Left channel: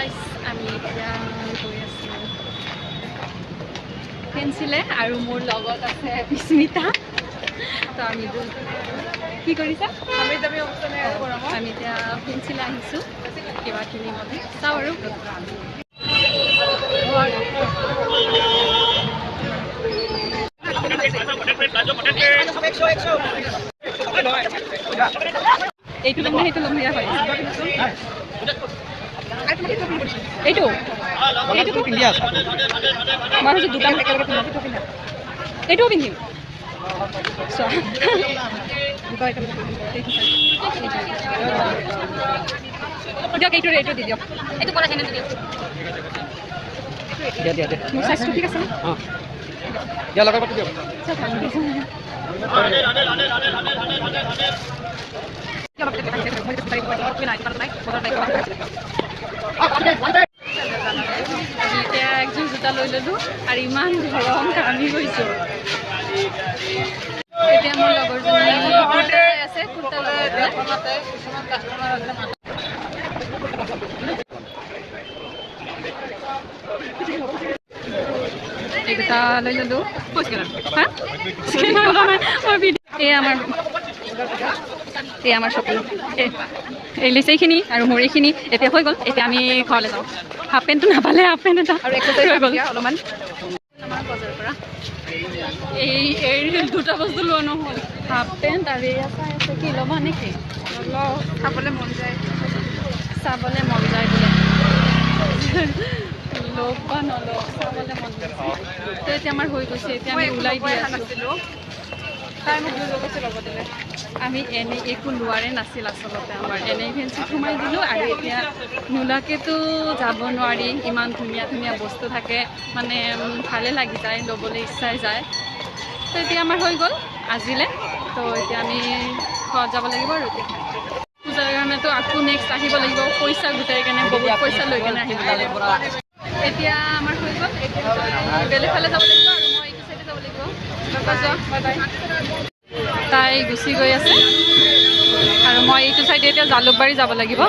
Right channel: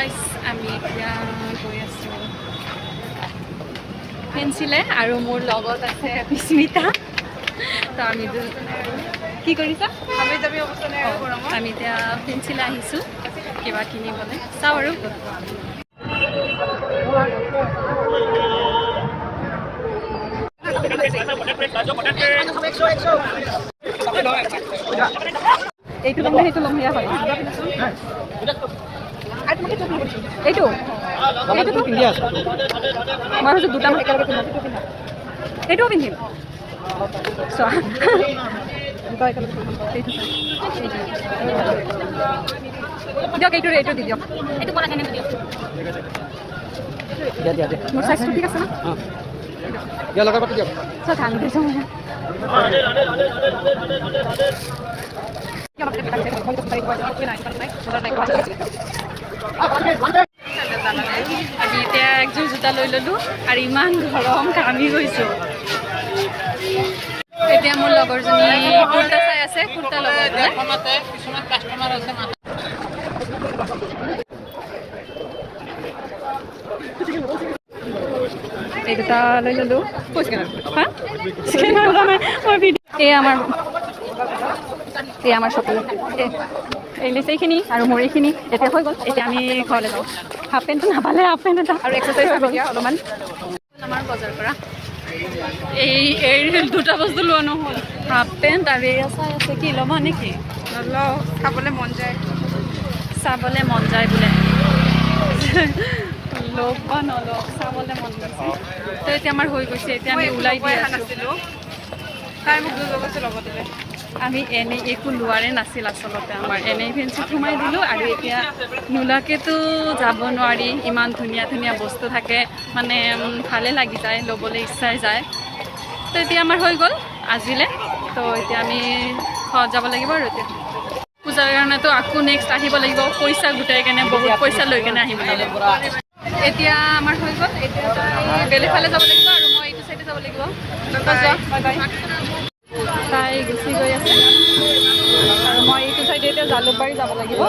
guys আমি এতিয়া গৈ আছোঁ পেঞ্চিলে আৰু মোৰ লগত আছে বিস্মিতা তো আমি কি কৰিছা আমি এতিয়া পেঞ্চিলে আহিছোঁ কিবা কিনিবলৈ চাওঁ আৰু এইটো ল'ম নে সেইটো ল'ম সেয়া হয় এইটো এইটোতো পিন্ধি আছোঁ মই ভাবিছোঁ দুটা একেলগে পিন্ধিম এইটোও পিন্ধিম চোৱা দিয়ক এইটো এইটো দি দিয়ক এইটো ক'লা কেনে দি দিয়ক মোৰ চাইজটো ঠিক আছে ন দিয়া লগাই পাতি দিয়ক চোৱা ধান দিছোঁ আমি এতিয়া একযোৰ জোতা লৈ ল'লোঁ আৰু ইমান গৰম ঘামি গৈছোঁ এতিয়া মোৰ লগৰজনী কুৰ্তা চাই আছে কুৰ্তা লগতে কিছুমান কাষ্টমাৰ আছে এই দুটা লৈ ল'লোঁ হা এই আমাৰ শ্বপিং এই লিষ্ট এইখিনি আৰু মোৰ এইখিনি এতিয়া হৈ গ'ল এতিয়া আমি ঘৰলৈ যাওঁ হাফ পেণ্টটো নাপালে হাফ পেণ্ট এটা আৰু এক্সাৰচাইজ অলপমান আমাৰ বজাৰৰ পৰা এই দুটা বস্তু লোৱা নহ'ল হাফ পেণ্ট আৰু এয়া চাই আছে কি ল'বা নেকি নলওঁ চাবলৈ মন যায় বোলে লগ বা নলওঁ চাবলৈ মন গৈছে তো এতিয়া আমাৰ হৈ গৈছে এতিয়া আমি ওলাই দি আছিলোঁ তাই মোক লৈ গৈছে লগতে আমি এনেই একো লোৱাৰে নাছিল আচলতে আমাৰ এনেই ফেঞ্চিত সোমাই দিলোঁ আৰু এতিয়া নোলাকেতো যাব নোৱাৰি ইমান ধুনীয়া ধুনীয়া বস্তু থাকে মানে ভালে লাগি যায় ল'বলৈ ইচ্ছাই যায় তো এতিয়া আমাৰ হৈ গ'ল আজিলে তো এতিয়া আমি ঘৰত যাব লাগিব আৰু এতিয়া পূজাৰ কাৰণেতো আকৌ নেক্সট আহিব লাগিব পইচা গোটাই কেনে বহুত পইচা লৈ কেনে আহিব লাগিব এতিয়া আমাৰ হৈ গ'ল এতিয়া তাই বেলেগ ফালে যাব লাগিব আৰু মই এইটো চাইডে যাব লাগিব তাই গুচি গৈ আছে আৰু মই এইটো চাইডে এতিয়া জালুকবাৰী যাব লাগিব